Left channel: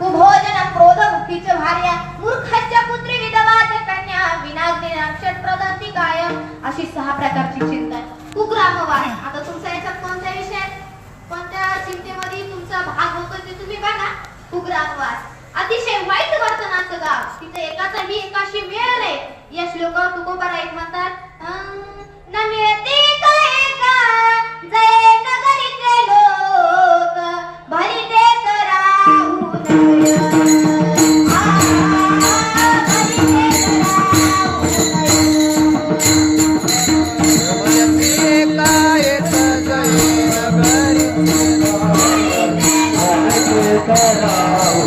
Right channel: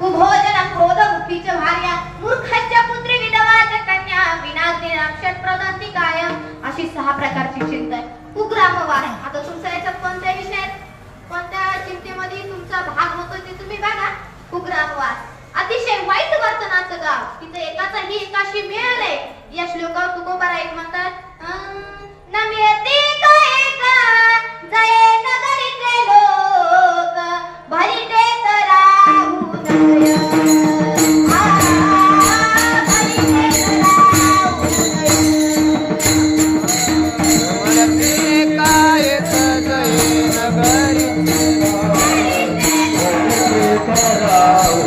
कुभोजन क्रोध मुखीच भार्या मूर्खाच्या पुत्री विधवाच कन्या विनाग्नी अक्षर प्रदत्ती काय अशी 6 प्रकारची चिंता आहे. कुग्रामवास आता तुमचा याच्यात कोणत्या विषयात कोणत्या चिंतेमध्ये तुमचा भाग होतो ते तुम्ही बघा. कुग्रामवास अतिशय वाईट वर्तनाचं गाव. तिथे एकाचाही एकाशी मिळालंय. या श्लोकात तुकोबारा एक म्हणतात न मिळते का एका जय नगरीचे लोक भरी देत राहू नय. कराओ